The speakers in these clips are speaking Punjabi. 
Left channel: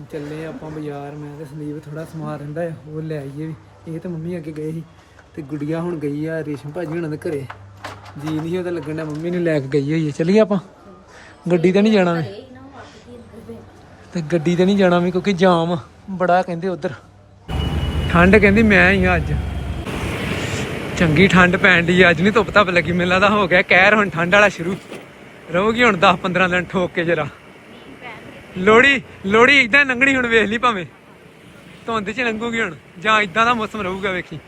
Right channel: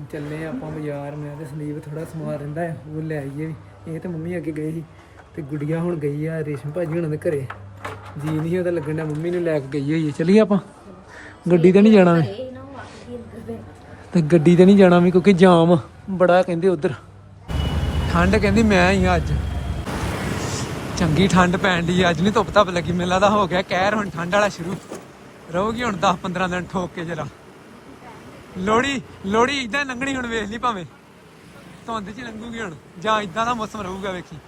ਹੁਣ ਚੱਲੇ ਆਪਾਂ ਬਾਜ਼ਾਰ, ਮੈਂ ਤੇ ਸੰਦੀਪ ਥੋੜਾ ਸਮਾਨ ਰਹਿੰਦਾ ਆ, ਉਹ ਲੈ ਆਈਏ ਵੀ। ਇਹ ਤਾਂ ਮੰਮੀ ਅੱਗੇ ਗਏ ਸੀ, ਤੇ ਗੁੜੀਆ ਹੁਣ ਗਈ ਆ ਰੇਸ਼ਮ ਭਾਜੀ ਹੁਣਾਂ ਦੇ ਘਰੇ। ਜੀ ਨਹੀਂ ਉਹਦਾ ਲੱਗਣ ਦਾ ਮੰਮੀ ਨੂੰ ਲੈ ਕੇ ਗਈ ਹੋਈ ਹੈ ਚੱਲੀਏ ਆਪਾਂ। ਗੱਡੀ ਤੇ ਨਹੀਂ ਜਾਣਾ ਮੈਂ। ਤੇ ਗੱਡੀ ਤੇ ਨਹੀਂ ਜਾਣਾ ਵੀ ਕਿਉਂਕਿ ਜਾਮ ਬੜਾ ਕਹਿੰਦੇ ਉਧਰ। ਠੰਡ ਕਹਿੰਦੀ ਮੈਂ ਹੀ ਆ ਅੱਜ। ਚੰਗੀ ਠੰਡ ਪੈਣ ਦੀ ਅੱਜ ਨਹੀਂ ਧੁੱਪ ਧੱਪ ਲੱਗੀ। ਮੈਨੂੰ ਲੱਗਦਾ ਹੋ ਗਿਆ, ਕਹਿਰ ਹੁਣ ਠੰਡ ਵਾਲਾ ਸ਼ੁਰੂ। ਰਹੂਗੀ ਹੁਣ 10 15 ਦਿਨ ਠੋਕ ਕੇ ਜਰਾ। ਲੋੜੀ ਲੋੜੀ ਇਦਾਂ ਲੰਘਣੀ ਹੁਣ ਵੇਖ ਲਈ ਭਾਵੇਂ। ਧੁੰਦ 'ਚ ਲੰਘੂਗੀ ਹੁਣ, ਜਾਂ ਇਦਾਂ ਦਾ ਮੌਸਮ ਰਹੂਗਾ ਵੇਖੀ।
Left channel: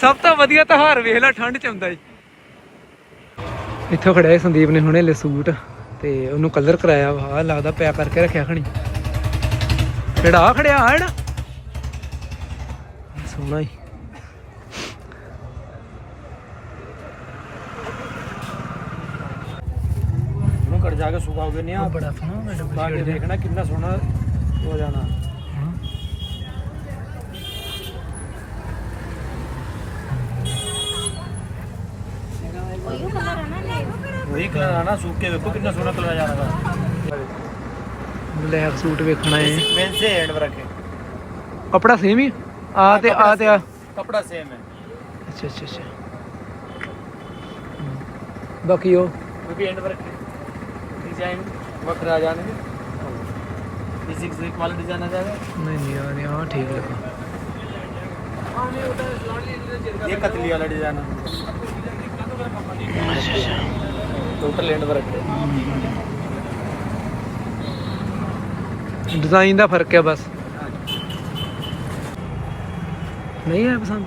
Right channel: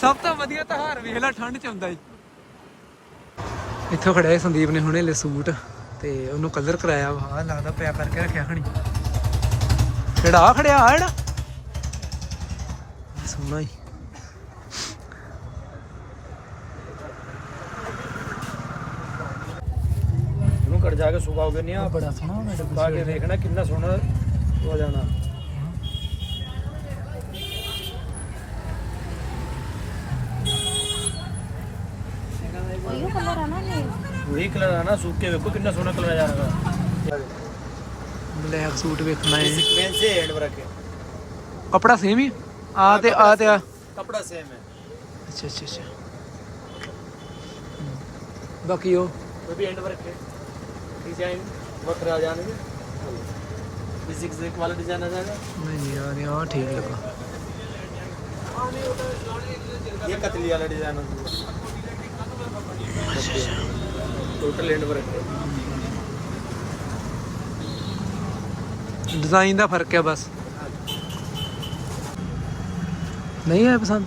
ਸਭ ਤੋਂ ਵਧੀਆ ਤਿਉਹਾਰ ਵੇਖ ਲੈ, ਠੰਡ 'ਚ ਆਉਂਦਾ ਈ। ਇੱਥੋਂ ਖੜਿਆ ਸੰਦੀਪ ਨੇ ਹੁਣੇ ਲੈ ਸੂਟ, ਤੇ ਉਹਨੂੰ ਕਲਰ ਕਰਾਇਆ ਵਾ ਲੱਗਦਾ ਪਿਆ ਕਰਕੇ ਰੱਖਿਆ ਖਣੀ। ਕਿਹੜਾ ਖੜਿਆ ਆ ਜਿਹੜਾ ਸੋਹਣਾ ਹੀ ਇਹਨੂੰ ਕੱਟ ਜਾ ਕੇ ਸੁਕਾਓਗੇ ਨਹੀਂ ਆ ਬੜਾ ਸੋਹਣਾ ਪਾ ਕੇ ਦੇਖਣਾ ਕਿੰਨਾ ਸੋਹਣਾ ਹੋ ਜਾਣਾ। ਉਹੀ ਕਲਰ ਆ ਨਾ ਸੁੱਕ ਵੇਖੋ ਕਿੰਨਾ ਸੋਹਣਾ ਕਲਰ ਆ ਜਾਣਾ ਬਲੈਕ ਸੂਟ ਵੇਖਣਾ ਹੈ ਮੇਨ ਸੇ ਐਂਡ ਵਰਕ ਹੈ ਕਪੜਾ ਸੇਮ ਹੀ? ਆ ਤੇ ਆ ਤੇ ਆ। ਕਪੜਾ ਸੇਮ ਹੈ ਅੱਛਾ ਅੱਛਾ ਅੱਛਾ। ਬਾਕੀ ਉਹ? ਵੀ ਐਂਡ ਵਰਕ ਹੈ ਡਿਜ਼ਾਈਨ ਵੱਖਰਾ ਆ ਜਾਣਗੇ ਫਿਜ਼ਿਕਸ ਦੇ ਵਾਲਾ ਡਿਜ਼ਾਈਨ ਆ ਜਾਏਗਾ ਨਹੀਂ ਨਹੀਂ ਆ ਨਹੀਂ ਆ ਠੀਕ ਲੱਗਾ ਇਹ ਕਤਲੀ ਵਾਲਾ ਡਿਜ਼ਾਈਨ ਆ ਟੋਟਲ ਐਂਡ ਵਰਕ ਹੈ ਡਿਜ਼ਾਈਨ ਦਾ ਫਰਕ ਹੈ ਬਸ ਨਹੀਂ ਹੈ ਪਸੰਦ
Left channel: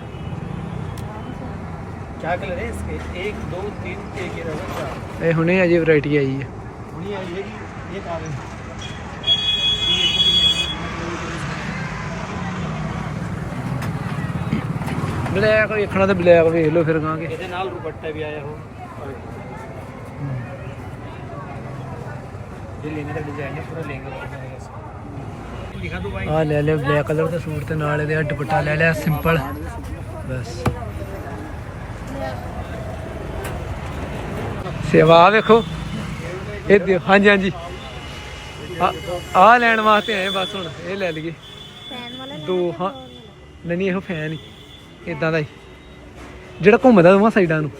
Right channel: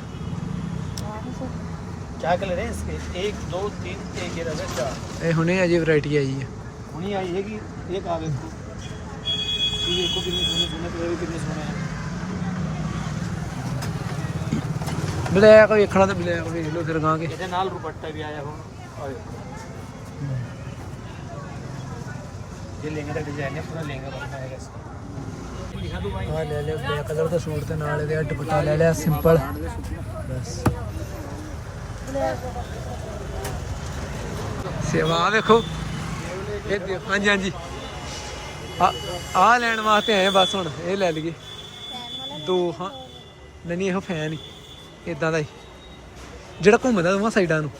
क्या कलर है इसके एक दो तीन एक ये नजर चार ਇਹ ਹੁਣੇ ਅਜੇ ਵੈਰਾਈਟੀ ਆਈ ਹੈ ਹੁਣੀ ਆਈ ਹੈ ਜੀ ਇਹ ਕਾਗਜ਼ ਕੀ ਇਹ ਕੋਈ ਬਲੈਕ ਵੇਖਣਾ ਤੇ ਬਲੈਕ ਵੇਖ ਲਓ ਫਿਰ ਗਾਂ ਕੇ। ਇਹਦੇ ਨਾਲ ਦੁਪੱਟਾ ਵੀ ਆਇਆ ਹੋ ਆ ਲੈ ਲੈ ਬਲੈਕ ਕਲਰ ਦਾ ਸੂਟ ਤੇ ਨਾਲ ਇਹਦੇ ਦੁਪੱਟਾ ਲੈ ਲਿਆ ਸਿੰਪਲ ਸੇਵਾ ਵੇਖੋ। ਇਹ ਦਿਓ- ਹਾਂਜੀ ਹਾਂਜੀ। ਆ ਆ ਲੈਣ ਵਾਸਤੇ ਆਏ ਬਸ ਹੁਣ, ਇਹ ਲੈ ਲਈਏ। ਦੋ, ਹਾਂ। ਨਹੀਂ ਨਹੀਂ, ਇਹੋ ਫੈਨ ਹੀ। ਇਦਾਂ ਦਾ ਹੀ। ਜਿਹੜਾ ਘੁੰਮਦਾ ਦੋਵਾਂ ਸਾਈਡਾਂ ਨੂੰ।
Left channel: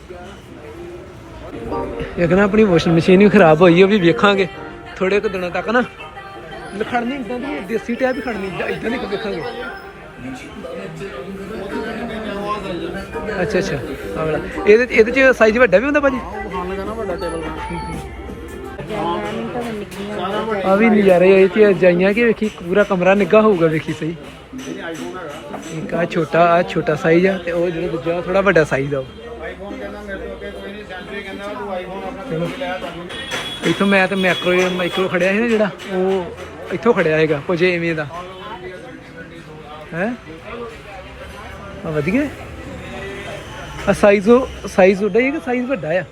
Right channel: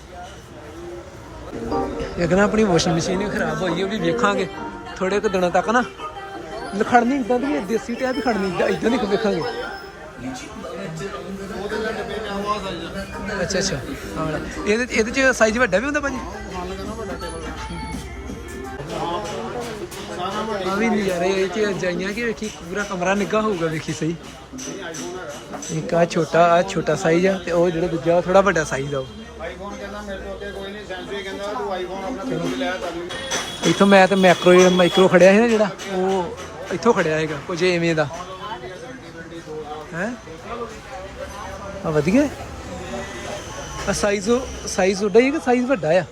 ਇੱਕ ਨਾ ਆਪਣੀ ਵਾਸ਼ਿੰਗ ਮਸ਼ੀਨ ਵੀ ਖਰਾਬ ਹੋਈ ਉਹ ਵੀ ਵੇਖਾਂਗੇ। ਥੋੜੇ ਕੁ ਦਿਨਾਂ ਤੱਕ ਨਾ। ਖੜਨੀ ਇਦਾਂ ਦੀ, ਦੇਸੀ ਟੈਪ ਖੜਨੀ ਇਦਾਂ ਦੀ ਵੇਖਾਂਗੇ। ਅੱਛਾ ਅੱਛਾ। ਆ ਇਹਦੇ ਇਹਦੇ ਚ ਸਾਈਜ਼ ਵੱਡਾ ਵੀ ਹੁੰਦਾ ਭਾਜੀ? ਆ ਵੀ ਨਜ਼ਾਰੇ ਇਹ ਚ ਜਾਈਆਂ ਕਿ ਵੇਖੀ ਪੂਰਾ ਕਮਰਾ ਨਿੱਘਾ ਹੋਊਗਾ ਵੇਖੀ ਸਹੀ। ਇੱਕ ਆ ਛੋਟਾ ਆ ਛੋਟਾ ਸਾਈਜ਼ ਆ ਤੇ ਉਹ ਜਿਹੜਾ ਦੂਜਾ ਥੋੜਾ ਵੱਡਾ ਸਾਈਜ਼ ਆ ਇੱਥੋਂ ਮੈਂ ਤੇ ਮੈਕਰੋ ਮਾਈਕਰੋ ਖੜਿਆ ਸੀ ਨਾ ਜਿਹੜਾ ਉਹ ਇੱਥੋਂ ਖੜਿਆ ਹੈਗਾ ਕੁਝ ਐਵੇਂ ਦਾ। ਹੈ? ਆ ਵਧੀਆ ਆ ਸਾਈਜ਼ ਉਹ ਸਾਈਜ਼ ਉਹਦਾ ਹੀ ਹੈ ਕਿ ਸਾਈਜ਼ ਵੱਡਾ ਆ?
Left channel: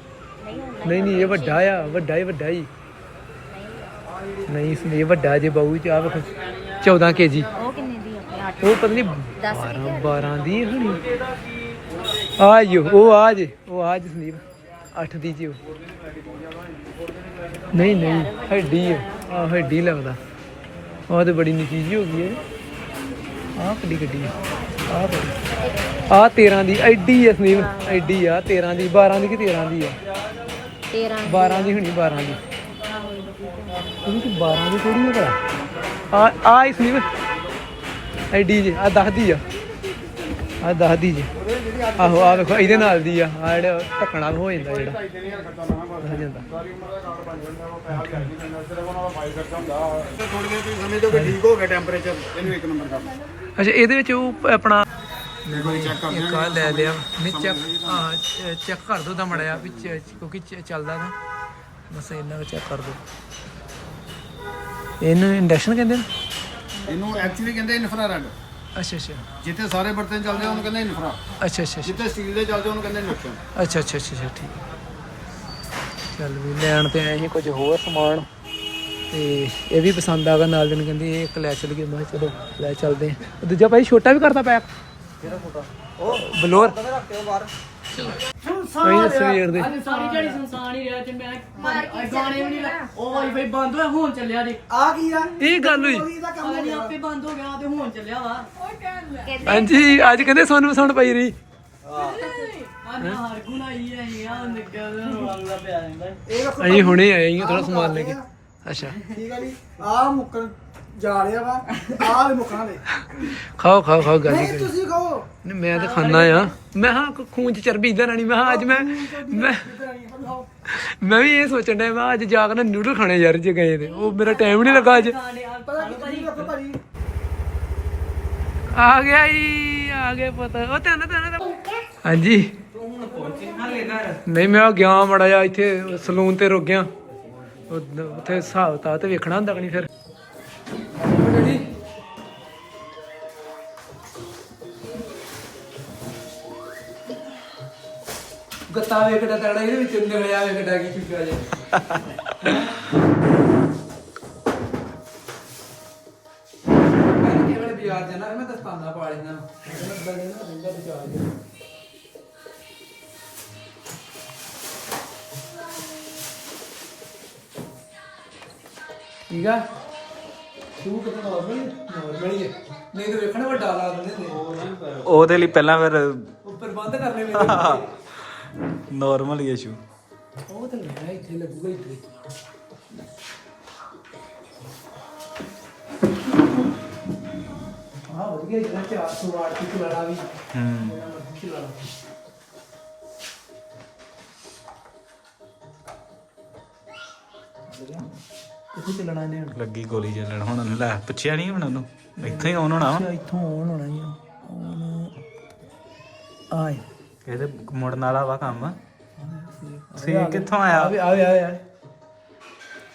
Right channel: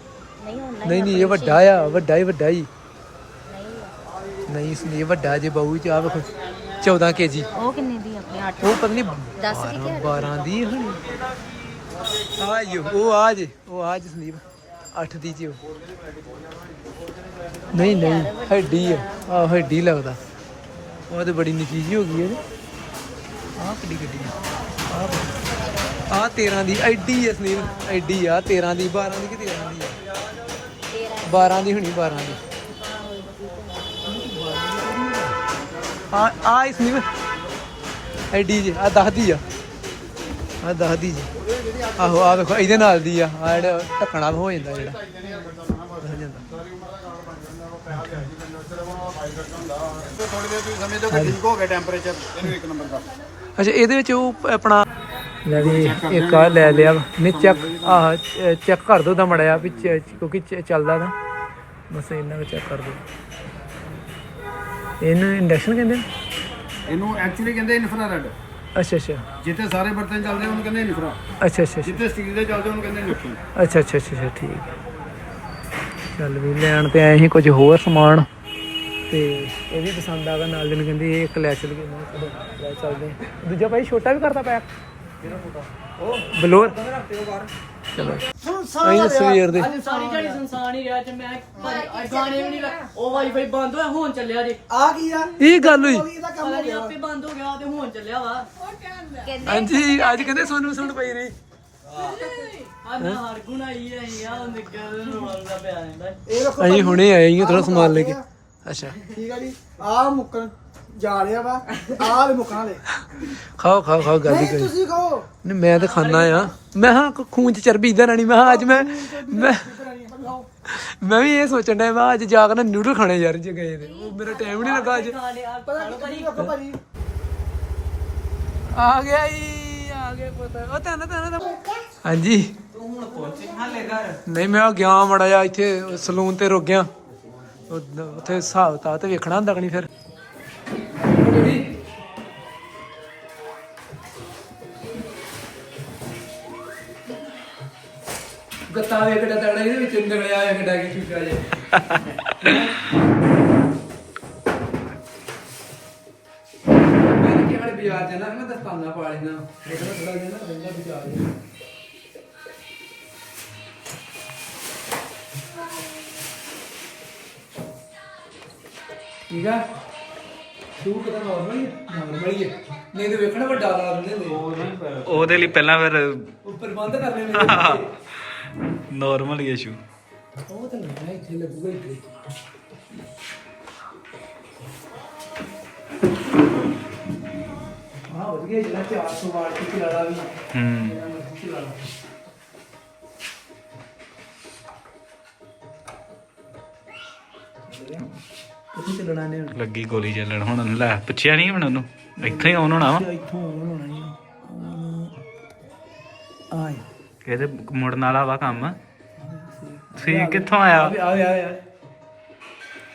ਨਹੀਂ ਨਹੀਂ ਇਹ ਵੱਡਾ ਆ ਵੱਡਾ ਹੀ ਵੱਡਾ ਹੀ। ਨਹੀਂ ਲਈ ਵੱਡਾ ਜੇ ਬਾਊ ਚ ਆ ਵੇਖੋ 14 ਕੇਜੀ। ਉਹ ਪਤਾ ਨਹੀਂ 12 12 ਦੀ ਹੋਣੀ? ਆ ਜੋ ਉਹ ਆ ਜੇ ਉਹ ਆ ਜੇ ਸੰਦੀਪ 8 ਦੀ ਜੀ ਉਹ। ਨਹੀਂ ਨਹੀਂ ਹੱਡੀ ਹੈ ਆ ਹੱਡੀ ਲੱਗਦਾ। ਉਹ ਤੇ ਬੜੀ ਨਿੱਕੀ ਜੀ ਹੋ ਗਈ ਹੈ ਆਹ ਕਿੱਡੀ ਗੱਡੀ ਆਹ ਬੜੀ ਆਹ 13 ਦੀ ਐਡੀ ਹੈ ਸੰਦੀਪ ਐਡੀ ਆ 13 ਦੀ 12 ਦੀ ਕਿ 13 ਦੀ ਹੈ 12 ਦੀ। ਹੋਣੀ 12 ਦੀ। ਉਹਦੀ 12 ਦੀ ਥੋੜੀ ਹੋ ਗਿਆ। ਆ ਆ ਇਸ ਨਹੀਂ ਐਡੀ ਜੀ ਅੱਛਾ ਇਹਦੇ ਵਿੱਚ ਉਹ ਆਪਣਾ ਲੈ ਲਿਆ ਚੈੱਕ ਕਰ ਦੋ ਤਾਂ ਮੜਿਆ ਚੱਲਦਾ ਬਸ ਇਹਨਾਂ ਵਿੱਚ ਚੈੱਕ ਕਰ ਦੋ। ਇਹਨੂੰ ਇੰਡਕਸ਼ਨ ਕਹਿੰਦੇ ਨੇ? ਇਹਨੂੰ ਐਕਚੁਅਲੀ ਕਹਿੰਦੇ ਇਨਫਰਾਰੈਡ ਅੱਛਾ ਅੱਛਾ। ਜਿੱਥੇ ਸਾਰੇ ਬਰਤਨ ਚੱਲਦੇ ਆ ਉਹਨੂੰ ਕਹਿੰਦੇ ਇਨਫਰਾ ਅੱਛਾ ਅੱਛਾ ਅੱਛਾ। ਜਿੱਥੇ ਸਟੀਲ ਦੇ ਚੱਲਦੇ ਉਹਨੂੰ ਕਹਿੰਦੇ ਇੰਡਕਸ਼ਨ ਅੱਛਾ ਅੱਛਾ ਅੱਛਾ ਅੱਛਾ, ਠੀਕ ਚੱਲ ਵੀ ਲੈਣ ਤੇ ਆਏ ਸੀ ਕੁਝ ਹੋਰ ਸਮਾਨ। ਤੇ ਇਹ ਵੀ ਪਸੰਦ ਆ ਗਿਆ ਨਾਲ ਦੇ ਨੇ ਕਹਿੰਦੇ ਇਹ ਇੱਕ ਲੈ ਚੱਲ ਗਏ ਮੈਂ ਕਿਹਾ ਚਲੋ ਲੈ ਚੱਲਦੇ ਹਾਂ। ਦੂਜਾ ਭਾਈ ਛੋਟਾ ਵੀ ਕਰਦਾ ਪੈਕ ਬਲੋਰ। ਚਲੋ। ਅਸੀਂ ਸਵੇਰ ਦੇ। ਸਾਰੀ ਝਾੜੀ ਸੰਸਾਰ ਹੀ ਰਿਹਾ ਤੇ ਮੈਂ ਗਾਣੇ ਵੀ ਨਹੀਂ ਲਾ- ਉਹ ਵਾਈਫਾਈ ਬੰਦ ਹੋਇਆ ਹੁਣ ਚੱਲਿਆ ਜੇ। ਆ ਕੀ ਆ? ਇਹ ਗੱਲ ਹੋਈ? ਕੀ ਦਾ ਕੰਮ ਪਤਾ ਨਹੀਂ ਆਪੇ ਬੰਦ ਹੋ ਗਿਆ ਤੇ ਹੁਣ ਚੱਲਿਆ ਵਾ। ਹਾਂਜੀ ਅੱਜ ਕਹਿੰਦੇ ਸੋਨੂੰ ਸੁਣ ਪਈ ਰਹੀ? ਆ ਨਾ ਹਰਗੁਣ ਆਈ ਹੈ ਯਾਰ ਨਿਕਲ ਰੋਲਾ ਰੋਲਾ ਪਿਆ ਜਾਂਦਾ ਇਹ ਰੱਖੋ ਅਸੀਂ ਹੁਣੇ ਆਏ ਹਾਂ ਥੋੜਾ ਸਮਾਨ ਲੈ ਕੇ। ਅੱਛਾ ਠੀਕ ਆ ਜੀ। ਆ ਮੁੱਕਣ। ਜਾ ਰਿਹਾ ਵਾ ਆਹ ਖਾਓ ਖਾਓ ਖਾਓ ਗੱਲ ਨਹੀਂ ਕਰੀ ਤੁਸੀਂ ਖਾਓ। ਨਹੀਂ, ਮੈਂ ਤਾਂ ਖਾਣਾ ਆ। ਮੈਂ ਹਾਂ ਖੂਨ ਚ ਚਰਬੀ ਇਦਾਂ ਰਹਿਣੀ ਮੈਂ ਕਿਹਾ ਅੱਜ ਮੈਂ ਮੈਂ ਮੈਂ ਵੀ ਇਹ ਸੋਚਣ ਡਿਆ ਮੈਂ ਅੱਜ ਜਾ ਕੇ ਨਾ ਨੂਡਲ ਖਾਣੇ ਯਾਰ ਜੇ ਗਏ ਤੇ। ਉਹ ਮੇਰਾ ਟਾਈਮ ਨਹੀਂ ਲੱਗਾ ਅੱਜ। ਆ ਗਿਆ ਈ ਆ ਗਿਆ ਪਤਾ। ਉਹ ਤੈਨੂੰ ਤੈਨੂੰ ਹਾਂਜੀ। ਨਹੀਂ ਮੈਂ ਗਿਆ ਮੜਾ ਜਾ ਇੱਥੇ ਸਲੂਨ ਤੇ ਰੁਕ ਗਿਆ। ਉੱਥੇ ਹਿਸਾਬ ਤਾਂ ਤੇ ਵੇਖਣਾ ਹੁੰਦਾ ਕਿ ਨਹੀਂ ਫਿਰ। ਗੱਤਾ ਵੇ ਕਿੱਡਾ ਤਗੜਾ ਇਹਦੇ ਵਿੱਚ ਨਿਕਲਿਆ ਵੇ ਕਿੱਡਾ ਕੀ ਫਿਕਰਾ ਜੇ। ਮੈਂ ਤਾਂ ਕੇਵਲ ਬਾਜ਼ਾਰ ਜਾਣਾ, ਮੈਂ ਦਸਤਾਨਾ ਪਾ ਲੈਣਾ। ਮੈਂ ਕਹਿੰਦਾ ਬੜਾ ਦਿਨ ਰਹਿੰਦਾ ਬਾਜ਼ਾਰ ਜਾਣਾ ਠੀਕ ਆ? ਸੂਟ ਤਾਂ ਨਾਰਮਲ ਨਾਰਮਲ ਹੀ ਹੈ। ਨਹੀਂ ਤੇ ਵੇਖਣਾ ਵੱਡਾ ਲਾ ਦਿੰਦੇ ਹੁੰਦੇ ਉਹਦੇ ਲਈ ਪਹਿਲਾਂ ਫਿਰ ਉੱਪਰ ਬੰਦ ਕਰ ਲੈ ਮੇਰੇ ਨਾਰਮਲ ਹੀ ਇਸ਼ੂ ਉਹ ਤਾਂ ਲੈਣਾ ਇੱਥੇ ਲੱਗੂਗਾ ਇੱਥੇ। ਆਹ ਵਧੀਆ ਜਿਹੜਾ 400 ਵਾਟ ਦੀ ਚਲਾਣਾ ਵੀ। ਹੂੰ। ਕਿੱਥੇ ਚੱਲਣਾ ਨੇ ਹੁਣ ਲੱਗੀ ਗੋਲੀ ਚੱਲਣ ਹੁਣ ਲੈ ਪੁੱਛਿਆ ਨਹੀਂ ਹੁਣ ਉਹਨੂੰ। ਇੱਥੇ ਹੀ ਆਉਣ ਹੋਣਾ ਵਾ। ਇੱਥੋਂ ਆਉਣ ਹੋਣਾ ਹੀ ਆ। ਆਏ। ਇਹਦੇ ਮੁੜਨ ਵਾਲਾ ਵਾ ਕੰਮ। ਸੀ ਕਿੱਥੋਂ ਆਇਆ? ਆਵੇ ਆਵੇ ਆਵੇ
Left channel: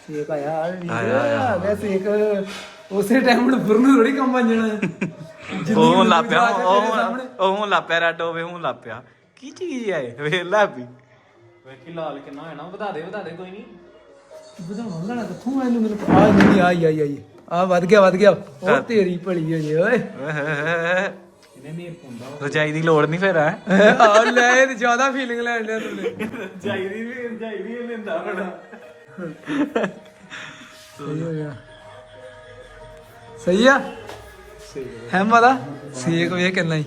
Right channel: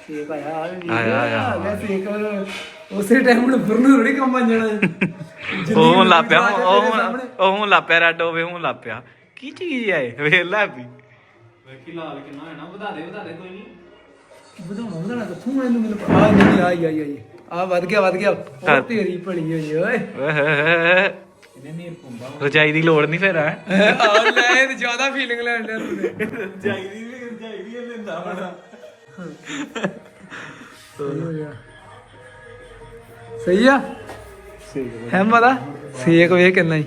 ਸੇਕ ਆਇਆ ਆਇਆ, ਆਇਆ। ਆ ਗਿਆ ਸੇਕ ਉਸੇ ਟਾਈਮ ਨੂੰ ਬੁਰਨ ਥੋੜੀ ਕੰਮ ਬਣ ਜਾਣਾ ਉਹ ਹੁਣ ਲਾਪਿਆ ਉਹ ਹੁਣ ਉਹ ਹੁਣ ਲਾਪਿਆ ਰੈਡ ਹੋਵੇ ਹੁਣ ਲਾਪਿਆ ਕੀ ਚੀਜ਼ ਆਏ ਵੇਖ ਲੈ ਵੀ ਵੇਖੀ ਲਾਲ ਕਿੰਨਾ ਹੋਇਆ ਨਾ ਵਧਾ ਦੇ ਵਧਾ ਦੇ ਕੋਈ ਨਹੀਂ ਵਧਾਉਣਾ ਨਾ ਕਿੱਥੋਂ ਮੈਨੂੰ ਮੈਨੂੰ ਆ ਨਹੀਂ ਆਈ ਆਈ ਆਈ ਆ ਵੱਧ ਗਿਆ ਵੱਧ ਗਿਆ। ਉਹ ਤੇਰੀ ਭਲੀ ਹੋਈ ਓਏ। ਇਹਨੇ ਨੀਰ ਪੁੰਦਾ ਰਜਾਈ ਦੀ ਲੋੜ ਨਹੀਂ ਫਿਰ ਹੈ? ਆ ਲੈ ਇਹ ਜ਼ਿਆਦਾ ਫੀਲਿੰਗ ਲੈਣ ਦਾ ਜਾਈਦੀ ਵੀ ਜਾਈਦੀ ਉਹਨੇ ਹੁੰਦਾ ਬੜਾ ਸਹੀ ਆ? ਹੈ ਮਾਦਾ ਸੇਕ ਵੇ ਕਿੰਨਾ ਹੀ।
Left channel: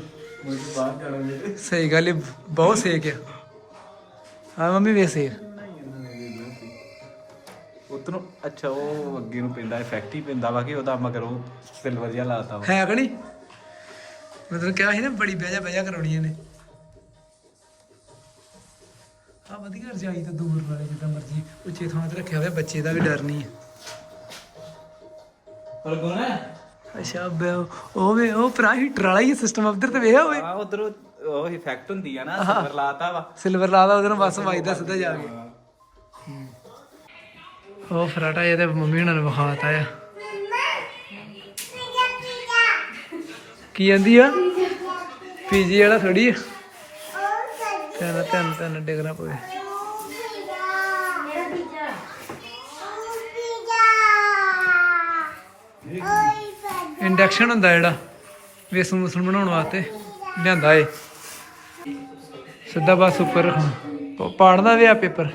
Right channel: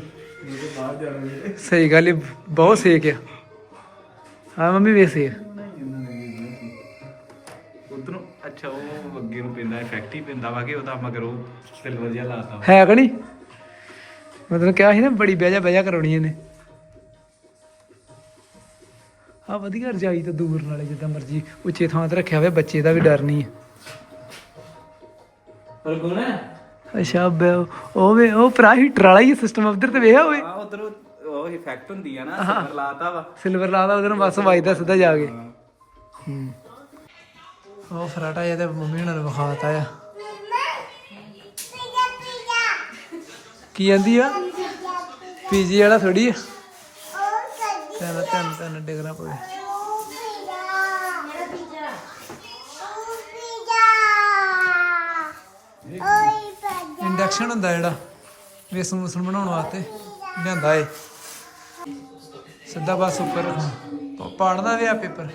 ਸਹੀ ਗੱਲ ਹੀ ਬਹੁਤ ਸੇਕ ਆ। ਹਾਂ ਮੰਮੀ ਵੇ ਸੇਕ। ਅੱਛਾ ਉਹ ਅੱਗੇ ਨੂੰ ਪੈਂਦਾ ਇਫੈਕਟ ਹੀ ਪੈਂਦਾ ਵਾ ਕਿ ਉਹਦਾ ਮਗਰ ਉਹ ਸਿਲਵਰ ਜਿਹਾ ਲਾਤਾ ਵਾ। ਹੈ ਕਿ ਨਹੀਂ? ਮੈਂ ਤੈਨੂੰ ਕਿਹਾ ਸੀ ਨਾ ਬੜੀ ਬਹਿਜਾ ਬਹਿਜਾ ਕਰਾਉਣੀ ਇਹਨੇ। ਆ ਵਧੀਆ ਰਜਾਈ ਤੋਂ ਦੂਰ ਨਾਲੇ ਜਿੱਦਾਂ ਮਰਜ਼ੀ ਉੱਚੇ ਥਾਂ ਤੇ ਰੱਖਿਆ ਹੋਇਆ ਬੱਚੇ ਦਾ ਵੀ ਡਰ ਨਹੀਂ ਹੈ। ਪਰ ਗੋਣਾ ਅੱਛਾ ਬੈ- ਉਹ ਵੇ ਉਹ ਭਰਾ ਹੀਟਰ ਵਾਲਾ ਹੀ ਸਿਸਟਮ ਉਧਰ ਤੇ ਵੇਖਿਆ ਹੋਵੇ। ਆ ਉਧਰ ਉਹ ਇਫੈਕਟ ਹੁੰਦੀ ਆ ਨਾ ਸਿਲਵਰ ਲਾਤਾ ਵਾ। ਸਿਲਵਰ ਲਾਦਾ ਉਧਰ ਬਸ ਵੱਜਦਾ ਸਿੱਧਾ ਜਾ ਕੇ। ਉਹ ਫਰਾਟਾ ਇਹਦੇ ਮੰਮੀ ਹੁਣਾਂ ਨੇ ਵਿਖਾਤਾ ਆ। ਕੀ ਜਾਂਦੀ ਆ? ਪੀਜੀ ਵਾਲਾ ਥੋੜੀ ਆ। ਧਿਆਨ ਧਿਆਨ ਧਿਆਨ ਡਿਗਣਾ ਪਵੇ। ਇੰਡਕਸ਼ਨ ਹੁੰਦਾ ਜਿਹੜਾ, ਵੇਸਣ ਵੂਸਣ ਬਣਾਉਣ ਵਾਸਤੇ, ਲਿਆਂਦਾ ਏ। ਸਿੱਧਾ ਬਸ ਉੱਪਰ ਰੱਖਣਾ। ਪ- ਪਾੜਦਾ ਵੀ ਆ ਪੇਪਰ।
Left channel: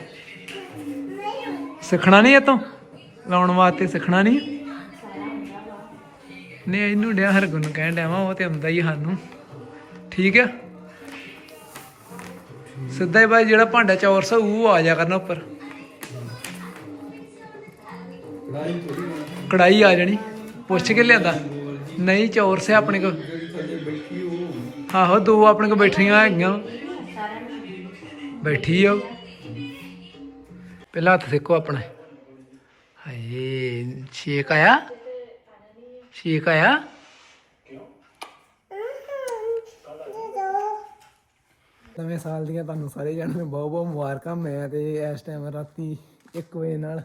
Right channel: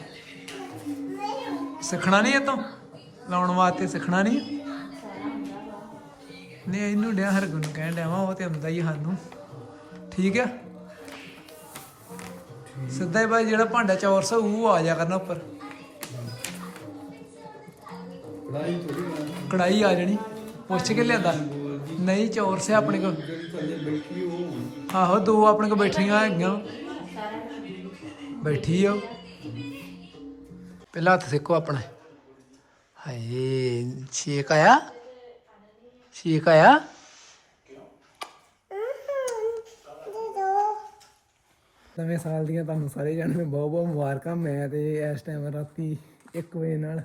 ਸਿੱਖਣਾ ਨਹੀਂ ਇਹ ਲਾਉਣ ਵਾਸਤੇ ਸਿੱਖਣਾ ਨਹੀਂ? ਨਹੀਂ, ਇਹਨੂੰ ਡਿਆ ਹਰਗੁਣ ਨੂੰ ਕਹਿਣ ਡਿਆ ਵਾਂ, ਉਹ ਤੇ ਆਉਂਦਾ ਹੀ ਸਾਨੂੰ। ਠੀਕ ਆ? ਸਿੱਧਾ ਹੀ ਬਾਈ, ਜਿਹੜਾ ਭਾਂਡਾ ਚੌਰਸ ਉਹ ਆ ਜਾ ਕਰਨਾ ਉੱਪਰ। ਕੜਾਈ ਆ ਜਾਣੀ। ਪੁੱਛ ਕੇ ਲਿਆਂਦਾ। ਨਹੀਂ, ਚੌਰਸ ਹੈ ਆਪਣੇ ਕੋਲ। ਆਹੋ, ਦੋ ਆਪਣੇ ਕੋਲ ਬੈਠੀਆਂ ਹੈਗੀਆਂ। ਬੈਠੀ ਆ ਪਹਿਲਾਂ ਹੱਥ ਸੇਕੋ ਆਪਣਾ। ਹਾਏ, ਛੇਕ ਆਇਆ। ਛੇਕ ਆਇਆ। ਨਵੇਂ ਸਾਲ ਦੀਆਂ ਤੁਹਾਨੂੰ ਸਾਰੇ ਜਣਿਆਂ ਨੂੰ ਬਹੁਤ ਬਹੁਤ ਮੁਬਾਰਕਾਂ। ਮੈਂ ਤੇ ਇਸ ਟਾਈਮ ਰਾਤੀ 1 ਵਜੇ ਨਾਲ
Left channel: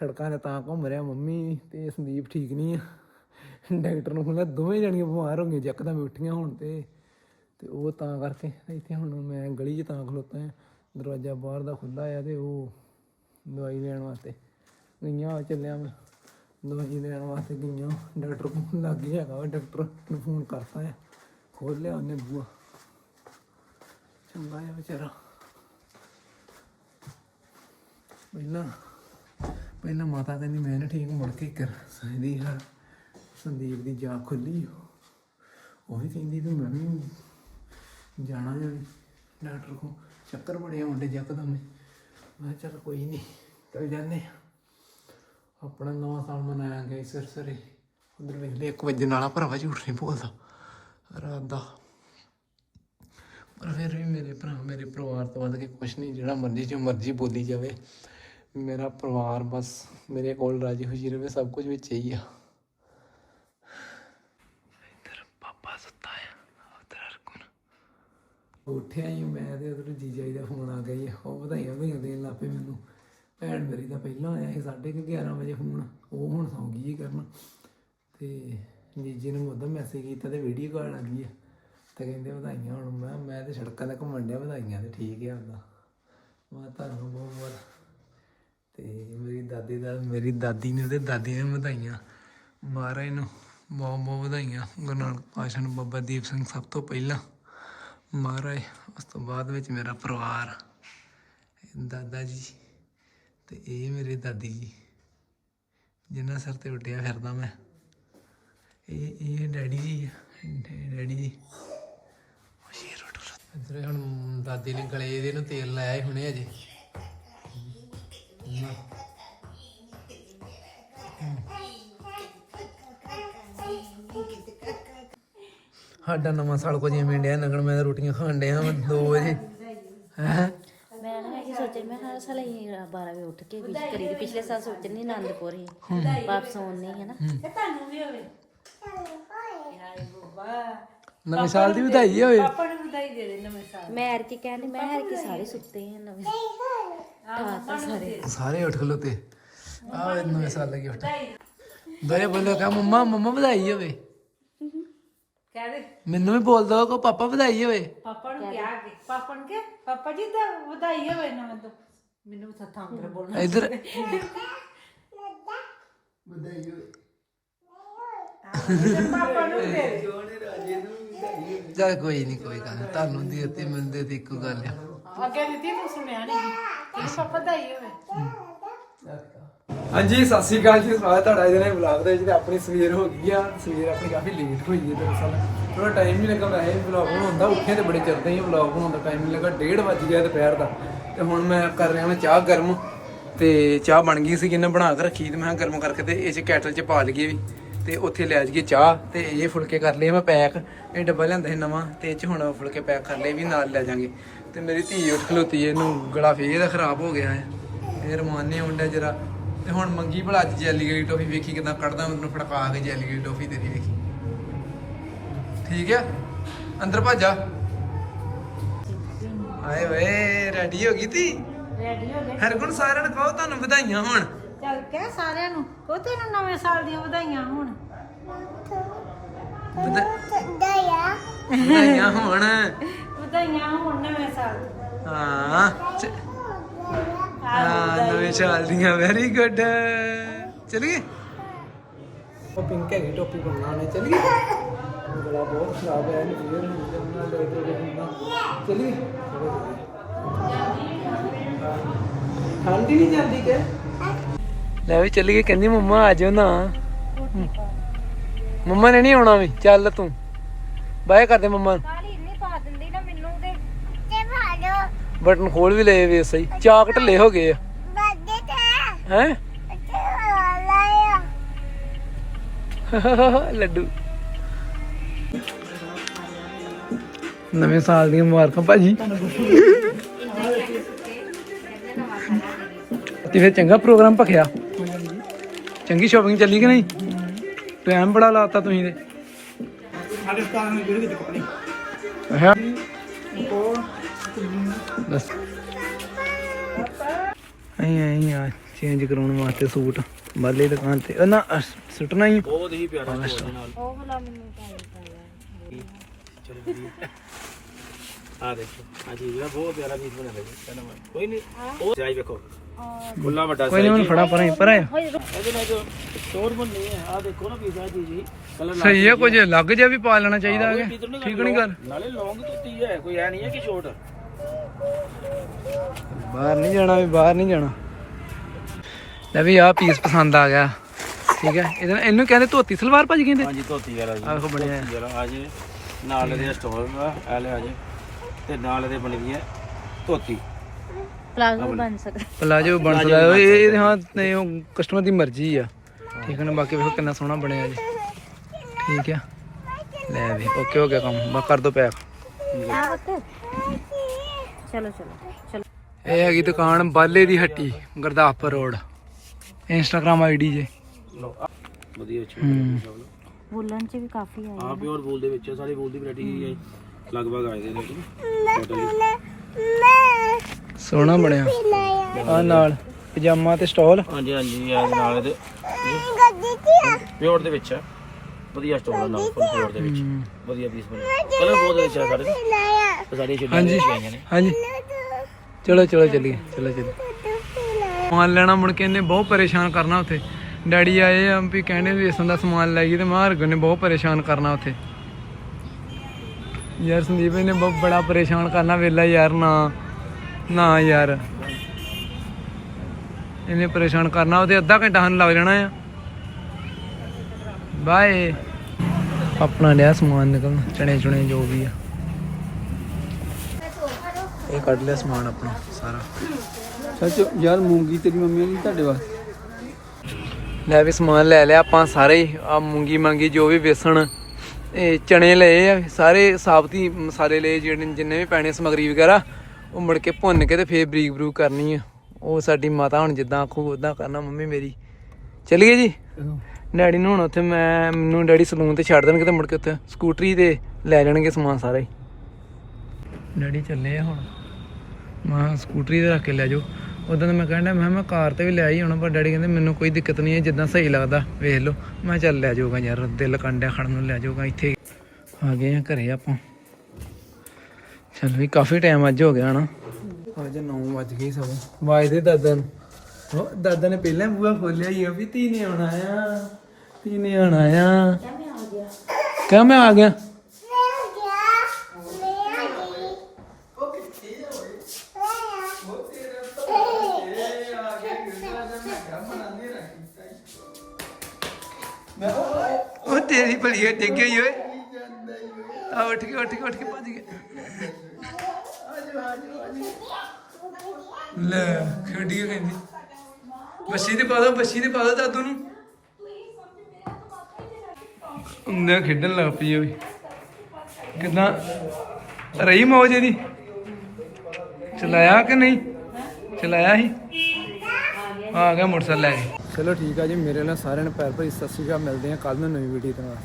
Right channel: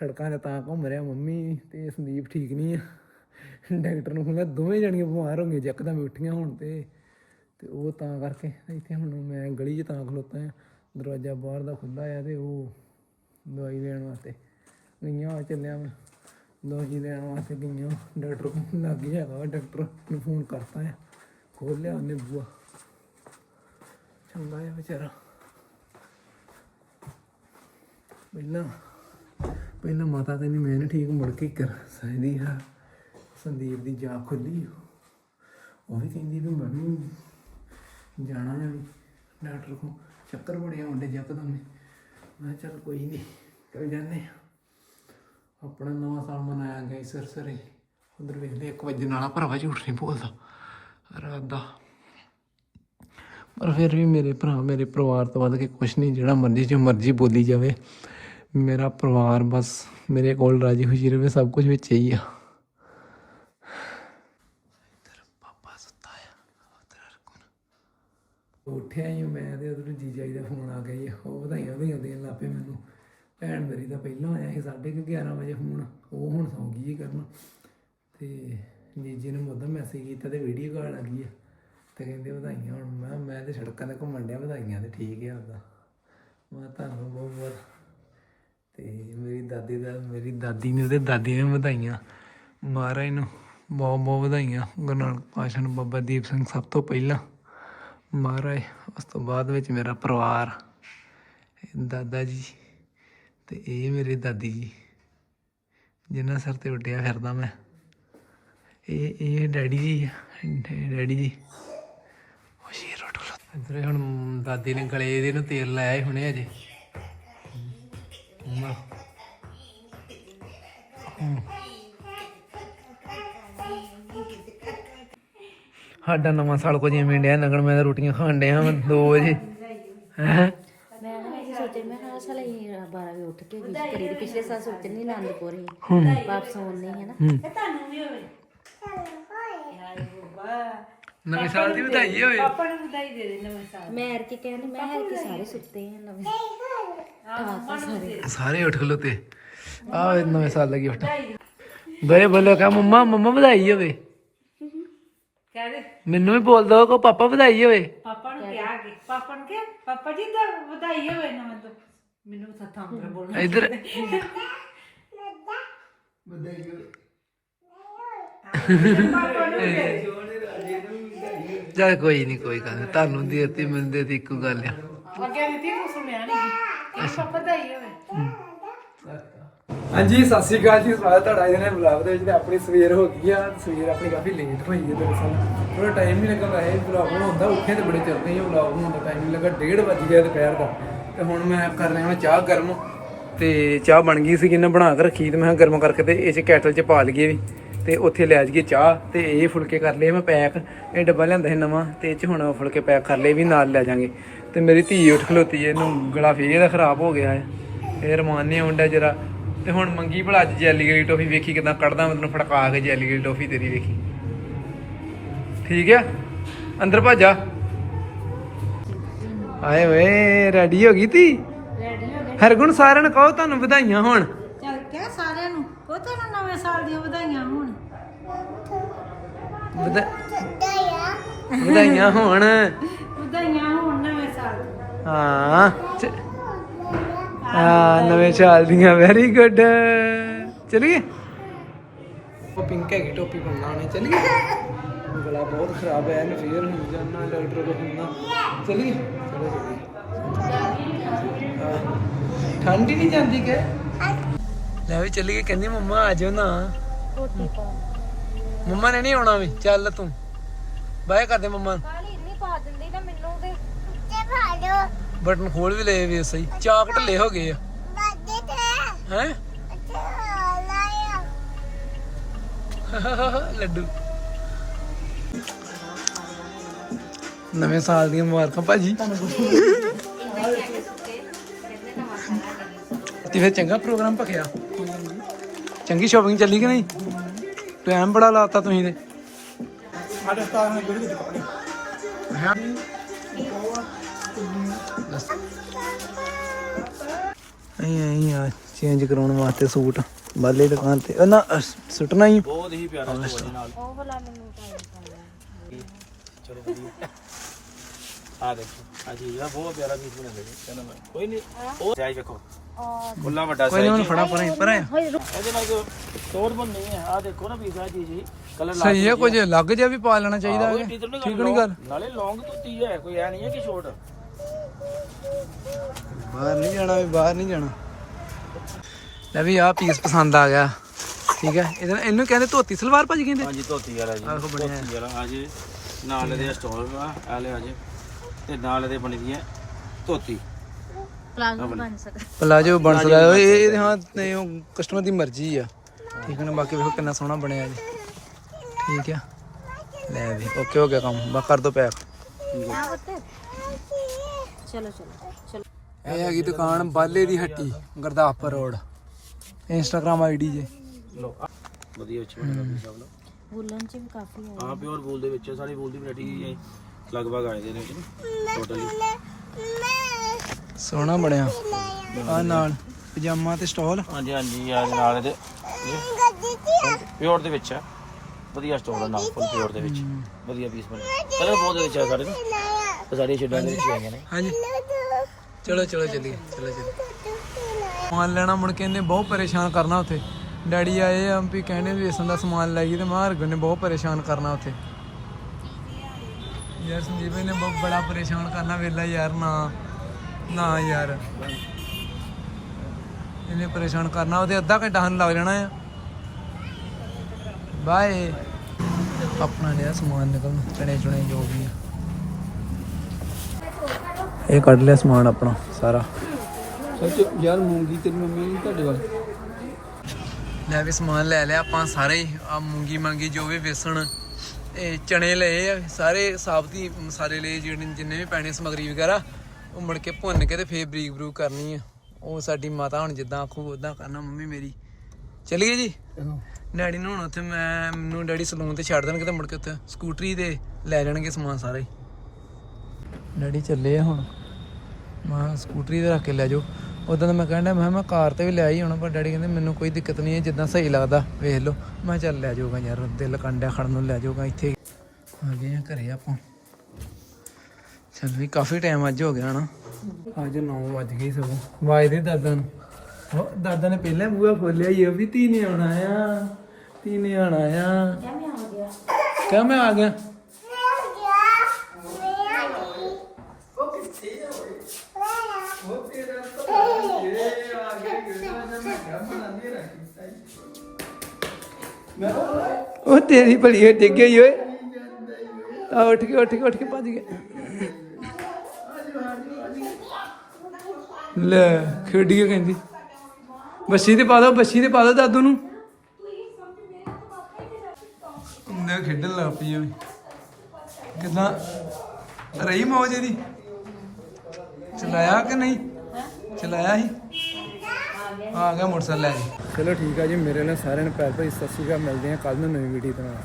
ਸੜਕਾਂ ਤੇ ਤਾਂ ਘੁੰਮ ਰਿਹਾ ਮੰਮੀ ਤੇ ਸੰਦੀਪ ਠੀਕ ਨਹੀਂ ਆ। ਡਾਕਟਰ ਨੂੰ ਕਹਿੰਦਾ ਦੋਵੇਂ ਜਣੀਆਂ ਬਿਮਾਰ ਹੋ ਗਈਆਂ ਜੱਕਦਮ ਉੱਠੀਆਂ ਹੁਣ ਤੇ। ਤੇ ਉਹ ਤਾਂ ਕਰਕੇ ਇੱਥੇ ਹੁਣ ਮੈਂ ਗਲੀ 'ਚ ਤਾਂ ਖਲੋਤਾ ਆ ਦਰਵਾਜ਼ਾ ਬਾਹਰ ਦਾ ਖੁੱਲਾ ਆ ਤੇ ਉਹ ਦਵਾਈ ਲੈਣ ਵਾਸਤੇ। ਗਈਆਂ ਉਹ ਚੱਲਿਆ ਮੈਂ ਦਵਾਈ ਲੈਣ ਵਾਸਤੇ ਗਈਆਂ ਡਾਕਟਰ ਕੋਲ ਲੱਗ ਗਿਆ ਹੈਗਾ ਉਹ ਡਾਕਟਰ ਨੂੰ ਫੋਨ ਕਰਤਾ ਆ। ਖੋਲ ਲਿਆ ਉਹਨੇ ਬੂਆ ਚੰਗਾ ਆ ਵਿਚਾਰਾ। ਪਹਿਲਾਂ ਪਹਿਲਾਂ ਮਾਤਾ ਕਹਿੰਦੀ ਮੈਂ ਨਾ ਠੀਕ, ਮੁੜ ਕੇ ਕਰ ਸਕਦੀ ਹਾਂ ਸੰਦੀਪ ਦੀ ਜਾ ਖੁੱਲੀ ਉਹ ਵੀ ਕਹਿੰਦੀ ਤੂੰ ਮੈਨੂੰ ਜਾਣਾ ਜਾਣੀ। ਡਾਕਟਰ ਕੋ ਚੱਕਰ ਬੜੇ ਆਉਂਦੇ ਜਕਦਮ। ਹੀ। ਮੈਂ ਕਿਹਾ ਚੱਲ ਕੋਈ ਨਹੀਂ ਚੱਲ ਜਾਂਦੇ ਆਪਣਾ ਨਵਾਂ ਸਾਲ ਮਨਾਇਆ ਗਿਆ ਸਿਰ ਸਰੇ। ਉਧਰ ਵੇਖਦੇ ਇੱਕ ਵਜੇ ਨਾਲਾ ਭਰਾਵਾ ਝੂਠ ਨਹੀਂ ਬੋਲਦਾ। ਰਾਤ ਦਾ ਪਰ ਫਿਰ ਵੀ ਮੇਰੇ ਭਰਾ, ਮੇਰੇ ਪਰਿਵਾਰ ਤੋਂ ਵੱਧ ਕੇ ਕੁਛ ਨਹੀਂ ਜਿਹੜਾ ਮਰਜ਼ੀ ਜੋ ਮਰਜ਼ੀ ਬੋਲੀ ਜਾਵੇ। ਮੇਰਾ ਪਰਿਵਾਰ ਬਸ ਮੇਰੇ ਕੋਲ ਰਾਜੀ ਖੁਸ਼ੀ ਰਵੇ ਸਭ ਕੁਝ ਵਿੱਚ ਹੀ ਆ ਇੱਧਰ ਪਾਪਾ ਸੁੱਤਾ ਆ ਉਧਰ ਅਰਗੁਨ ਉੱਠਿਆ ਹੀ ਮੈਂ ਤੇ ਉਧਰ ਜੀਜਾ ਜੀ ਦਾ ਫੋਨ ਆ ਗਿਆ ਜੀ, ਉਹ ਵਧਾਈਆਂ ਵਧਾਈਆਂ ਦੇਣ ਲੱਪੇ ਮੈਨੂੰ। ਭੈਣ ਮੇਰੀ ਦਾ ਪਹਿਲਾਂ ਆਇਆ ਸੀ ਸਾਢੇ ਕੁ 11 ਵਜੇ ਫੋਨ, ਉਹ ਹੁਣ ਸੌਂ ਗਈ ਜੀ ਕਰਨ। ਤੇ ਜੀਜੇ ਨੇ ਮੁੱਦਾ ਮੈਸੇਜ ਕੀਤਾ ਤੇ ਵੀਡੀਓ ਕਾਲ ਆ ਗਈ ਆ। ਤੇ ਕਹਿੰਦੇ ਵਧਾਈਆਂ ਹੁਣ, ਮੈਂ ਮੈਂ ਤੇ ਸੜਕਾਂ ਤੇ ਘੁੰਮਣ ਡਿਆ ਵਧਾਈਆਂ ਤੇ ਠੀਕ ਹੈ ਉਹਦਾ ਮੈਂ ਤੁਹਾਨੂੰ ਬਹੁਤ ਬਹੁਤ। ਤੇ ਮੇਰੀ ਦਾਦੀ ਦਾ, ਮੇਰੀ ਦਾਦੀ ਨੇ ਉਹਦੇ ਦਾਦੀ ਨੇ ਵਧਾਈਆਂ। ਮਹਾਰਾਜ ਨੂੰ ਬਹੁਤ ਬਹੁਤ ਵਧਾਈਆਂ। ਗੁਰੂ ਨਾਨਕ ਪਾਤਸ਼ਾਹ ਨੂੰ ਬਾਬਾ ਦੀਪ ਸਿੰਘ ਸਭ ਤੋਂ ਪਹਿਲਾਂ। ਮਹਾਰਾਜ ਉਸ ਤੋਂ ਬਾਅਦ ਵਿੱਚ ਮੇਰਾ ਪਰਿਵਾਰ ਦਾਦਾ ਜੀ ਤੇ ਇਹ ਮੇਰੇ ਦਾਦੀ ਜੀ ਜਿਨ੍ਹਾਂ ਸਿਰ ਤੇ ਉੱਡਿਆ ਫਿਰਦਾ ਮੈਂ। ਇਹ ਇਹ ਡੈਡੀ ਜੀ ਆ, ਡੈਡੀ ਜੀ। ਉਹ ਸ਼ੇਰ ਉੱਠ ਖਲੋ ਹੁਣ ਦਾਦੀ ਨੇ ਗਲੇ ਇਹਦੇ ਨੂੰ ਤੇਲ ਲਾਇਆ ਹੀ ਹੁਣੇ ਅਜੇ। ਸਾਡਾ ਨਵਾਂ ਸਾਲ ਕੁਝ ਐਵੇਂ ਡਿਆ ਨਗਣ ਮੈਂ ਤਾਂ ਰੋਟੀਆਂ ਖਾਣ ਡਿਆ ਮੈਂ 2 ਵਜੇ। ਹੈ? ਮੈਂ ਨਾ ਇਹ ਸੋਚਿਆ ਮੈਂ ਹਾਂ ਸਾਲ ਇਹ 12 ਵਜੇ ਉੱਠ ਕੇ ਵੀ ਕਰੀ ਦੀ ਪਿਛਲੇ ਸਾਲ ਸੋਚਣ ਨਹੀਂ ਆਨੰਦਪੁਰ ਹੀ। ਵਾਪਸ ਆਉਣ ਨਹੀਂ ਹੈ ਨਾ। ਨਵੇਂ ਸਾਲ ਦੀ ਵਧਾਈ ਹੋਵੇ। ਮੈਂ ਐਰ ਕੇ ਕਹਿੰਦੀ ਮੈਂ ਐਰ ਕੇ ਸਾਰੇ ਸੁੱਤੇ ਆ ਨਵੇਂ। ਸਾਰੇ। ਸਾਰੇ ਉੱਠ ਖਲੋਤੇ। ਆ ਨਵੇਂ ਸਾਲ ਲੱਗੀ ਉੱਠ। ਦੋਏ ਬੋਲੋ ਕਾ ਮੰਮਾ ਮੰਮਾ ਵਧਾਈ ਹੋਵੇ। ਕਹਦੇ ਮੈਨੂੰ ਵੀ ਬੋਲ ਦੋ ਕੋ ਪਾਪਾ ਵਧਾਈ ਹੋਵੇ। ਪਾਪਾ ਨੂੰ ਕਿਹਾ ਕਿ ਪਾਪਾ ਨੂੰ ਕਿ ਪਾਪਾ ਜੀ ਤਾਂ ਵਧਾਈ ਹੋਵੇ ਨਾ ਮੈਨੂੰ ਮੈਨੂੰ ਥਾਂ ਅੰਦਰ ਬੋਲਣਾ ਇੱਧਰ। ਚੱਲ ਕੋਈ ਨਹੀਂ ਕੋਈ ਗੱਲ ਨੀ, ਤੁਹਾਨੂੰ ਦੇਤੀ ਮੈਨੂੰ ਦੇਤੀ ਇੱਕੋ ਗੱਲ ਆ। ਅੱਗੇ ਦਿੱਤੀ ਤੂੰ ਸੁਣਿਆ ਨਹੀਂ ਪਾਪਾ ਵਧਾਈ ਹੋਵੇ। ਹਾਂਜੀ, ਸਤਿ ਸ਼੍ਰੀ ਅਕਾਲ ਜੀ, ਸਵਾਗਤ ਤੁਹਾਡਾ ਇਹਦੇ ਦੇ ਵਲੌਗ ਦੇ ਵਿੱਚ ਤੇ ਆਪਣੀ ਸਵੇਰ ਹੋ ਗਈ ਆ, ਸਵੇਰ ਆਪਣੀ ਕਾਫੀ ਲੇਟ ਹੋਈ ਹੈ ਦਰਅਸਲ। ਥੋੜਾ ਟਾਈਮ ਨਹੀਂ ਲੱਗਾ ਵੈਸੇ ਵਲੌਗ ਹੁੰਦਾ ਉੱਠੇ ਤੇ ਬੜੇ ਚਿਰ ਹੀ ਵਲੌਗ ਹੋਣ ਦਾ ਟਾਈਮ ਨਹੀਂ ਲੱਗਾ 1:30 ਵੱਜ ਗਿਆ ਦੁਪਹਿਰ ਦਾ। ਤੇ ਹੁਣ ਮੈਂ ਕਰ ਰਿਹਾ ਮੈਂ ਚਾਹ ਗਰਮ, ਤੇ ਚਾਹ ਬਣ ਗਈ ਸੀ ਕਿੰਨੇ ਬਣਾ ਕੇ ਰੱਖੀ ਤੇ ਮੈਂ ਗਰਮ ਕਰਕੇ ਤੇ ਇਹ ਚ ਕੈਟਲ ਚ ਪਾ ਲਈਏ ਵੀ, ਤੇ ਉੱਥੇ ਲੈ ਜਾਈਏ ਚਾਹ, ਤੇ ਇਹ ਫੁਲਕੇ ਕਰ ਲਏ ਮੈਂ ਪੈਕ ਇਹ ਡੱਬਾ ਲਿਆਂਦਾ ਸੀ ਨਵਾਂ, ਤੇ ਇਹ ਚ ਹੁਣ ਫੁਲਕੇ ਪੈਕ ਕਰ ਲਏ ਵੀ ਨਾਲ ਲੈ ਜਾਾਂਗੇ। ਤੇ ਮੇਰੀ ਧੀ ਉੱਠ ਖਲੋਤੀ ਹੈ, ਇਹਨੂੰ ਗਲਾ ਫੇਰ ਇਹਦਾ ਖਰਾਬ ਹੋ ਗਿਆ ਹੈ। ਇਹ ਰਮਾਨ ਨਹੀਂ ਆਉਂਦਾ ਜਰਾ। ਤੇ ਹੁਣ ਮੰਗੀ ਭਲਾ ਅੱਜ ਜੈਲੀ ਗਲੀ ਟੋਫੀ ਵੇਖੀ ਕਿਦਾਂ ਕੱਢਦਾ ਮੈਂ ਤੈਨੂੰ ਫੜਕਾ ਕੇ ਜੈਲੀ ਗਲੀ ਟੋਫੀ ਤੇਰੀ ਵੇਖੀ। ਠੀਕ ਆ? ਅੰਦਰ ਭੱਜਾ ਆਏ ਓਏ ਰੈਡੀ ਹੋ ਗਈ ਤੀ? ਰੈਡੀ ਹੋ ਗਏ। ਹਰਗੁਣ ਸਾਰਿਆਂ ਨੂੰ ਕਹੋ ਤੁਹਾਨੂੰ ਵਧਾਈਆਂ ਹੋਣ। ਚੱਲ ਕਹਿ ਸਾਰਿਆਂ ਨੂੰ? ਉਹ ਤੈਨੂੰ ਨਵੇਂ ਸਾਲ ਦੀਆਂ ਵਧਾਈਆਂ ਹੋਣ। ਵਧ- ਵਧਾਈਆਂ। ਹੋਣ। ਵਧਾਈਆਂ ਹੋਣ ਨਵੇਂ ਸਾਲ। ਦੀਆਂ। ਹਾਂ ਹਾਂ ਨਵੇਂ ਸਾਲ ਦੀਆਂ ਵੈਰੀ ਗੁੱਡ ਚਲੀਏ? ਉਹ ਪਿੰਕ ਹੈਗੀ ਟੋਪੀ ਪਾਉਣਾ ਉਹਨੇ ਚਲੀਏ? ਗਲਾ ਬਹੁਤ ਖਰਾਬ ਹੈ ਇਹਨੂੰ ਫੇਰ ਹੁਣ ਜਾਣਾ ਡਾਕਟਰ ਕੋਲ ਹੁੰਨਾ ਚਲੀਏ? ਚਲੋ ਚਲੀਏ ਹਾਂ। ਠੰਡ ਹੀ ਨਹੀਂ ਜਾਂਦੀ ਕਿ? ਲੈ ਵੀ ਚੱਲੀਏ ਕਹਿੰਦੀ ਮੰਮਾ ਆ ਜਾਓ ਨਾ। ਮੰਮਾ ਨੇ ਨਹੀਂ ਆਉਣਾ ਵੀ ਚੱਲ ਤੂੰ। ਬਾਏ ਕਰਦੇ ਮੰਮਾ ਨੂੰ ਕਾਲੀ ਨਹੀਂ ਪਾ ਦਿੰਦੀ ਨਾ ਮੈਨੂੰ ਤੇ ਬਟਨ ਖੋਲ ਵੀ ਲਏ ਵੇ ਸਹੀ। ਚਾਕ ਢੱਲੇ ਹੋ ਗਏ ਆ। ਹੈ? ਲੱਡੂ। ਨਵੇਂ ਸਾਲ ਦੀਆਂ ਮੁਬਾਰਕਾਂ ਭਾਜੀ। ਤੇ ਫਿਰ ਚੰਗਾ ਪ੍ਰੋਗਰਾਮ ਭਖਿਆ। ਚੰਗੀ ਸ਼ਾਪਿੰਗ ਚੱਲੀ ਕਿ ਨਹੀਂ? ਟਾਈਮ ਬੜਾ ਲਾਤਾ ਤੁਸੀਂ ਤੇ। ਸਾਡੇ ਸਤਾਰਾਂ ਨੇ ਜਿਹੜੇ ਕਿਤੇ ਕੱਪੜੇ। ਹੈ? ਦੱਸ ਆਈ ਆਈ ਆ ਚੇਂਜ ਕਰਾਉਣ ਵਾਸਤੇ ਸੂਟ ਬਾਲੇ ਦੁਕਾਨ ਤੇ ਉਹ ਨਾ ਅਹ, ਸੁੱਟਣਾ ਹੀ ਬਹੁਤ ਹੀ ਪਿਆਰਾ ਆ ਦੇਖੋ ਆ ਜੀ ਬਹੁਤ ਪਿਆਰਾ ਪੀਸ ਬਣਾਇਆ ਜੀ ਕਹਿੰਦਾ ਮੈਂ ਕੋਈ ਨਹੀਂ ਉਹ ਚਾਹੀ ਵੇਖੋ ਖੁੱਲਾ ਵੱਡਾ ਕੋਈ ਨਹੀਂ ਮੈਨੂੰ ਫੜਾ ਪਰਾਂ ਪਰਾਂ ਆ ਇਹਦੇ ਨਾਲ ਜੋ ਸ਼ੋਰ ਬਣ ਨਹੀਂ ਹੈ। ਆ ਦੇਖੋ ਨਾ ਪੀਸ ਆ ਜੀ ਜੀ। ਕਲਰ ਸਹੀ ਹੈ ਕੁਝ ਲੱਗ ਜਾ ਵੀ ਪਾ ਲੈਣਾ ਚਾਹੀਦਾ ਹੈ ਠੀਕ ਨਹੀਂ ਗੱਲ? ਨਾਲੇ ਲੌਂਗ ਧੋਤੀ ਹੈ। ਕੋਈ ਐ ਨਹੀਂ ਹੈ ਕਿ ਸ਼ੋਰਟ ਬਾਹਰ ਨਹੀਂ ਜਾਣਾ ਵੀ ਬਾਹਰ ਨਹੀਂ ਜਾਣਾ। ਲੈ ਵੀ ਆਹ ਪੀਸ ਪਸੰਦ ਆ ਗਿਆ। ਠੀਕ ਹੈ ਇਹਦਾ ਇਹਨੂੰ ਕਹਿੰਦੇ ਧੋਤੀ ਸਲਵਾਰ ਭਾਜੀ ਕਹਿੰਦੇ? ਹਾਂਜੀ ਧੋਤੀ ਵਾਲਾ ਜੀ। ਆਹੋ ਬਣਿਆ। ਧੋਤੀ ਵਾਲਾ ਆ ਜੇ ਨਾਲ ਇਹਦੇ ਸਟੋਰ ਆ ਆ ਲੈ ਆ ਜੇ ਤੇ ਨਾਲ ਇਹਦੇ ਬਣੀ ਦੀ ਹੈ ਧੋਤੀ। ਪਲਾਜ਼ੋ ਬਣ ਸਕਦਾ। ਪਲਾਜੋ ਬਣ ਸਕਦਾ। ਹੈ। ਇਹ ਇਹ ਹਾਂ ਤੇ ਉਹ ਕਸਟਮਰ ਦੀ ਮਰਜ਼ੀ ਆ। ਠੀਕ ਹੈ ਨਾ ਬਾਕੀ ਵੇਖੋ ਕਿੰਨਾ ਸੋਹਣਾ ਬਣਿਆ ਜੀ। ਠੀਕ ਆ ਲੈ ਵੀ ਓਕੇ ਹੋ ਗਿਆ ਕੰਮ। ਬਾ ਕਰ ਦੋ ਪੈਕ। ਚਲੋ ਚਲੋ ਚਲੋ। ਇਹ ਹੈਗੀ ਦੁਕਾਨ ਬਾਲੇ ਦੀ ਹੱਟੀ ਗੁਰਦਾਸਪੁਰ ਰੋਡ। ਇੰਸਟਾਗ੍ਰam ਆਈਡੀ ਜੇ। ਵਧੀਆ ਅੱਛਾ ਵੁਲਨ ਚ ਵੀ ਕਾਫੀ ਹੈ ਆ। ਪਿਓਰ ਬੂਲ ਦੇ ਵਿੱਚ ਸਾਰੀ ਬੂਲ ਦੀ ਵੈਰਾਈਟੀ ਲਗਭਗ ਆਏ ਦੇ ਨੇ ਟੋਟਲ ਸੋਹਣਾ ਬਣਿਆ। ਆ ਨਾਲ ਪਜਾਮਾ ਤੇ ਸਟਾਲ। ਹਾਂਜੀ ਹਾਂਜੀ ਆ ਨਾਲ ਇਹਦੇ। ਪਿਓਰ ਦੇ ਵਿੱਚ ਆ। ਵਧੀਆ ਸਟੋਰ ਨਾਲ ਫੁੱਲ ਪਿਓਰ ਦੇ ਵਿੱਚ। ਵਧੀਆ ਪੀਸ ਬਣੇ। ਕਲਰ ਬਹੁਤ ਅੱਛਾ ਸਾਡੇ ਨੇ ਤੇ ਸਾਡੀ ਛੱਡੀਆਂ ਹਾਂਜੀ ਆਈਆਂ ਨੇ। ਹਾਂਜੀ। ਚਲੋ ਚਲੋ ਚੱਲੀਏ ਚਲੋ ਚਲੋ ਸਮਾਨ ਲੈਣਾ ਮੁੜ ਕੇ ਇਹਨੇ ਬਹੁਤ ਪਰੇਸ਼ਾਨ ਕਰਨਾ ਉੱਥੇ। ਡੈਡੀ ਆਏ ਆ ਵੀ ਕਹਿੰਦੇ ਵੀ ਇਸਨ ਦਾ ਸਮਾਨ ਲੈ ਗਈ ਤੇ ਮਾਂ ਹਰਗੁਣ ਨੇ ਬਹੁਤ ਪਰੇਸ਼ਾਨ ਕਰਨਾ ਉੱਥੇ। ਯਾਰ ਸੰਦੀਪ ਨੇ ਬਹੁਤ ਬੜਾ ਪਰੇਸ਼ਾਨ ਕਰਨਾ ਵੇਲਾ ਯਾਰ ਨਾ ਨਾ ਯਾਰ। ਇਹਨੇ ਪਰੇਸ਼ਾਨ ਕਰਨਾ ਉਹਦੇ ਅੱਧਾ ਘੰਟਾ ਸਾਨੂੰ ਲੱਗ ਜਾਣਾ ਆ। ਬਾਏ। ਆਪਣਾ ਲਿਆ ਸਮਾਨ ਨਿਕਲਣਾ ਚਣੇ ਚੁਣੇ ਜੋ ਵੀ ਆ। ਇਹ ਕੱਢ ਲਿਆ ਸਮਾਨ ਆਪਣਾ ਸਾਰਾ। ਸੱਚ ਯਾਰ ਮੂੰਗੀ ਤੇਰੀ ਮੰਮੀ ਵੀ ਤੁਹਾਡੇ ਵੱਲ। ਲੈ ਵੀ ਸਮਾਨ ਲੈ ਲਿਆ ਆਪਾਂ ਸਾਰੇ ਆ ਮੂੰਗੀ ਮੰਗੀ ਜੋ ਵੀ ਵੇਸਣ ਇਹ ਚਣੇ ਲਏ ਆ ਸਾਰੇ ਸਾਬਤੀ ਮਸਾਲੇ ਲਏ ਜਿਹੜੇ ਜਿੰਨੇ ਵੀ ਪੈਣੇ ਸਮਗਰੀ ਵਗੈਰਾ ਉਹ ਮੁੜ ਕੇ ਭੁੰਨ ਕੇ ਤੇ ਫੇਰ ਬਰੀਕ ਬਰੂਕ ਕਰਨੀ ਆ। ਉਹ ਸਾਡੀ ਮਾਤਾ ਹੁਣ ਜਿੱਦਾਂ ਆਖੂ ਉਦਾਂ ਕਰਨਾ ਮੰਮੀ ਮੇਰੀ। ਚਲੀਏ ਜੀ? ਡੈਡੀ ਨੂੰ ਹੁਣ ਉੱਥੇ ਮੈਂ ਮੈਨੂੰ ਡੈਡੀ ਸਲੂਨ ਤੇ ਛੱਡ ਦੇਣਗੇ ਤੇ ਮੁੜ ਕੇ ਉੱਥੇ ਸਕੂਟਰੀ ਤੇ ਲੈ ਜਾਣਗੇ ਸਮਾਨ ਸਾਰਾ। ਡੈਡੀ ਚੱਲੇ ਆ ਹੁਣ। ਮੈਂ ਸਕੂਟਰੀ ਤੇ ਰੱਖ ਕੇ ਲੈ ਜਾਓ। ਉਦੋਂ ਤਾਂ ਮੈਂ ਕਹਿੰਦਾ ਮੈਂ ਕਿਹਾ ਮੈਂ ਕਾਰ ਤੇ ਵੀ ਲੈ ਆਈ ਹੁਣ, ਪਰ ਡੈਡੀ ਕਹਿੰਦੇ ਮੈਨੂੰ ਕੋਈ ਦਿੱਕਤ ਨਹੀਂ ਹੈ, ਜਿੱਦਾਂ ਸਹੀ ਲੱਗਦਾ, ਵੇਖ ਲਓ। ਮੈਂ ਚੱਲ ਲੈ ਜਾਊਗਾ ਯਾਰ, ਦਿਲ ਕੰਡਿਆ ਖੜਨ ਨੂੰ ਲੈ ਜਾਊਗਾ ਇੱਥੇ। ਆ ਗਏ ਆ ਘਰੇ ਆਪਾਂ। ਚੱਲ ਵੀ ਕਾਫੀ ਟਾਈਮ ਅੱਜ ਹੋ ਗਿਆ ਨਾ ਅੱਜ 9 ਵੱਜ ਗਏ ਸਗੋਂ। ਵਾਜਦੇ ਦਾਦਾ ਨੂੰ। ਉਹ ਦਾਦਾ ਨੇ ਪਹਿਲਾਂ ਬੂਹਾ ਖੋਲਿਆ ਹੀ ਆ ਵੀ ਧੀ ਨੇ ਆਉਣਾ ਆ, ਧੀ ਨੇ ਆਉਣਾ ਆ। ਕਿਆ ਮੈਂ ਆ ਗਿਆ? ਉਹ ਤੇਰੀ ਭਲੀ ਡਿੱਗ ਗਈ ਓਏ। ਆ ਉੱਠ ਕੇ ਉੱਠ ਕੇ ਉੱਠ ਕੇ ਭੱਜ ਗਿਆ ਲੈ, ਖੇਡੀ ਕਹਿੰਦੀ। ਬੱਸੀ ਤੇ ਪਾ ਦੋ, ਬੱਸੀ ਤੇ ਪਾ ਦੋ ਦਾਦੂ ਨੂੰ। ਉਹਨੇ ਖੇਡਣ ਲੱਗ ਪਈ ਓਏ। ਕਿਦਾਂ? ਰਹੀ ਮੌਜ ਇਹਦੀ? ਚਲਾਇਆ ਕਿ ਨਹੀਂ? ਚਲਾਇਆ ਸੀ? ਆ ਗਿਆ ਮੋਟਰਸਾਈਕਲ ਲੈ ਕੇ। ਚਲੋ ਠੀਕ ਆ ਜੀ, ਮੇਰੇ ਨਾਲ ਸਾਰਿਆਂ ਨੂੰ ਪੈਰ ਭਾਈ ਸਤਿ ਸ਼੍ਰੀ ਅਕਾਲ, ਮਿਲਦੇ ਆ ਕੱਲ ਨੂੰ ਨਵੀਂ ਵੀਡੀਓ ਦੇ ਨਾਲ